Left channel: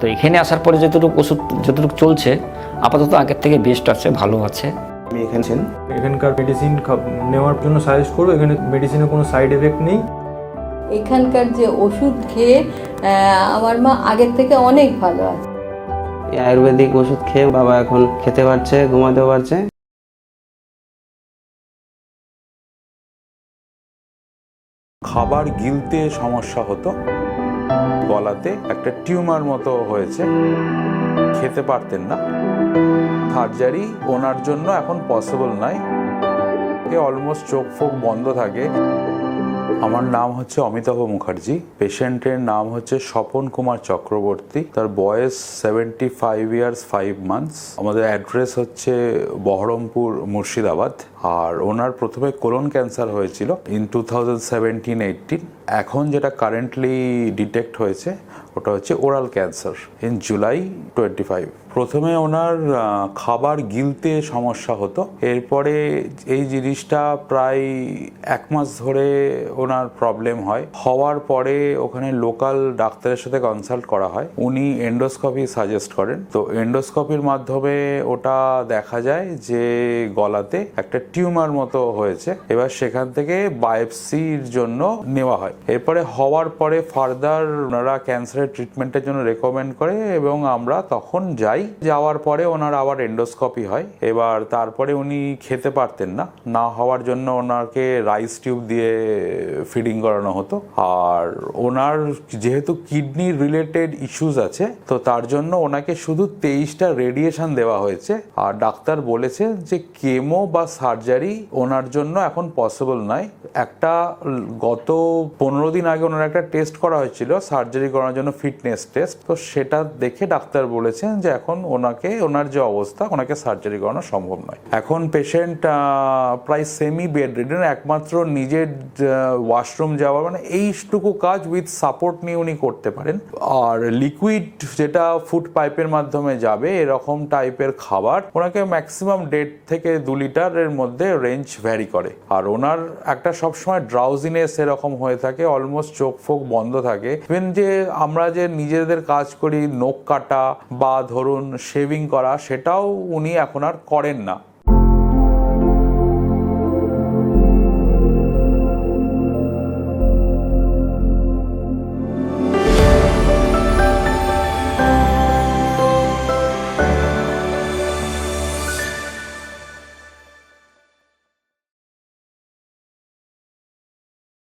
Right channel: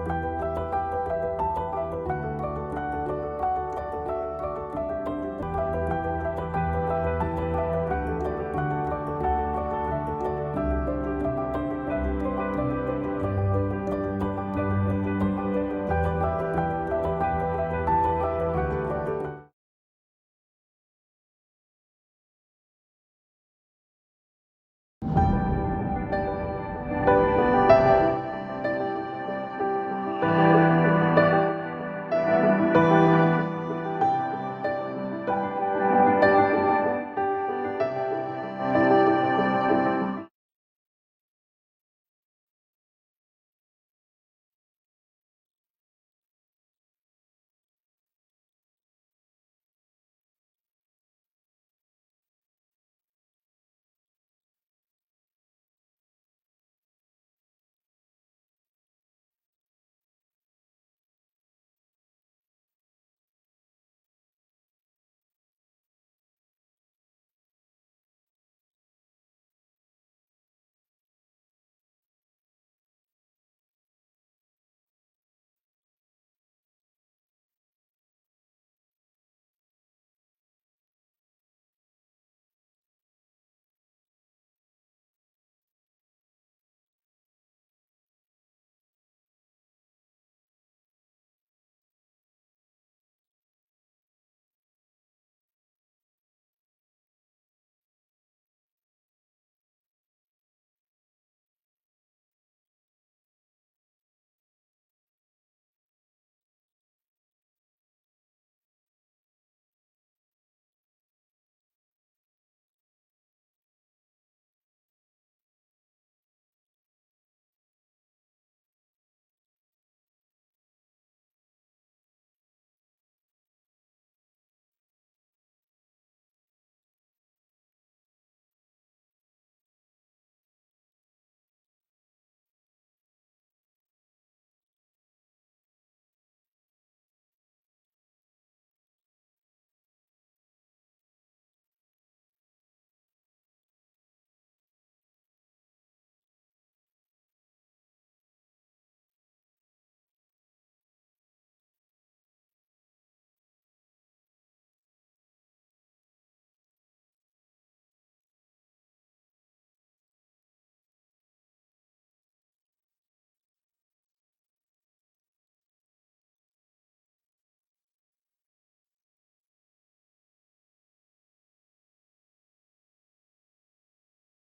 তো এখানে আসার পরে যতটুকু ওষুধ যতটুকু চলছে আপাতত আগের থেকে বেস্ট আছে ভালো আছে। আমি এখানে এখানকার মেডিসিন নেওয়ার জন্য সাজেস্ট করব এখানে মেডিসিনের কোনো সাইড এফেক্ট নেই। এখানকার যে ওষুধ খেয়ে আমার মা আগের থেকে অনেক ভালো আছে। আয়ুর্বেদিক ওষুধ খেয়ে বাবা এখন খেতে পারছে ঘুমাতেও পারছে। খাবার গিলতে সমস্যা হতো। গলাতে একটা টিউমার মতো হয়েছে। খেতে পারতেন না। সার্জারি ওনার জন্য এখন পসিবল নয়। অলমোস্ট চোখ ফোক বন্ধ থাকে। আমার নাম হচ্ছে অমিতাভ মুখার্জি। পেশেন্টের নাম হচ্ছে স্বপন কুমার চক্রবর্তী। তার বয়স seventy five years five months আমাদের অ্যাড্রেস হচ্ছে বহরমপুর মুর্শিদাবাদ। আর ওনার প্রথমে কোলন ক্যান্সার হয়েছিল in two thousand seventeen eighteen এখন যেটা কারেন্টলি ডিটেক্ট হয়েছে ওটা হচ্ছে oral cancer in July twenty five প্রথমে ওনার খাবার গিলতে সমস্যা হতো। এরপরে এই জিনিসটা প্রায় এক মাস ধরে ওনার প্রবলেম হয়। হওয়ার পরে ওখানে লোকাল ডাক্তারের সাথে কনসাল্ট করা হয়। উনি এন্ডোস্কপি সাজেস্ট করেন। তো এন্ডোস্কপির মাধ্যমে ওটা দেখা যায় যে গলাতে একটা টিউমার মতো হয়েছে। এবার সেখান থেকে বায়োপসির জন্য নেওয়া হয়। এরপরে হওয়ার পরে ফার্দার ওনারা ক্যান্সারের ট্রিটমেন্টের জন্য রেকমেন্ড করে এবং আমরা তখন যাই। যাওয়ার পরে ওনার আবার এন্ডোস্কপি হয়। এবার তারপরে উনি খেতে পারতেন না। না হওয়ার জন্য ওনাকে রাইস টিউব দিয়ে ফিডিং করানো হতো। আর ওনার যেহেতু কিডনি রিলেটেড ইস্যুস আছে, তো তার জন্য ওনাকে শুধু তেইশটা রেডিয়েশন দেওয়া হয়েছে। আর ডাক্তার বলেছে যে কেমো বা সার্জারি ওনার জন্য এখন পসিবল নয়। একটা গত পনেরো দিন আগে ওনার একটা টেস্ট করা হয়েছিল সার্জারি করার জন্য ফিটনেস টেস্ট তো সেটা দেখে ডাক্তার বলেছেন যে এখন ওনাকে, ওনার যে অবস্থা, ওনাকে সার্জারি করানো সম্ভব নয়। এখন পেশেন্ট প্রায় সেমি বেড রিডেন একমাত্র নিজের ওয়াশরুম যাওয়া মানে এইটুকু কাজ উইথ সাপোর্ট নিয়ে উনি করতে পারেন। আর লিকুইড যেটা ফুড পাইপের মাধ্যমে যাবে, এরকম টাইপের খাবার, ওনাকে ম্যাক্সিমাম দেড় থেকে দু লিটারের মধ্যে রেঞ্জ ভ্যারি করে। আর ওনার একটা সবসময় ড্রাউজিনেস এরকম হয়ে থাকে অলমোস্ট চোখ ফোক বন্ধ থাকে। ইভেন যে আমরা যে নিজেদের কাজ করি, নখ কাটা বা ধরুন শেভিং করা, সেটাও উনি এখন আর করেন না।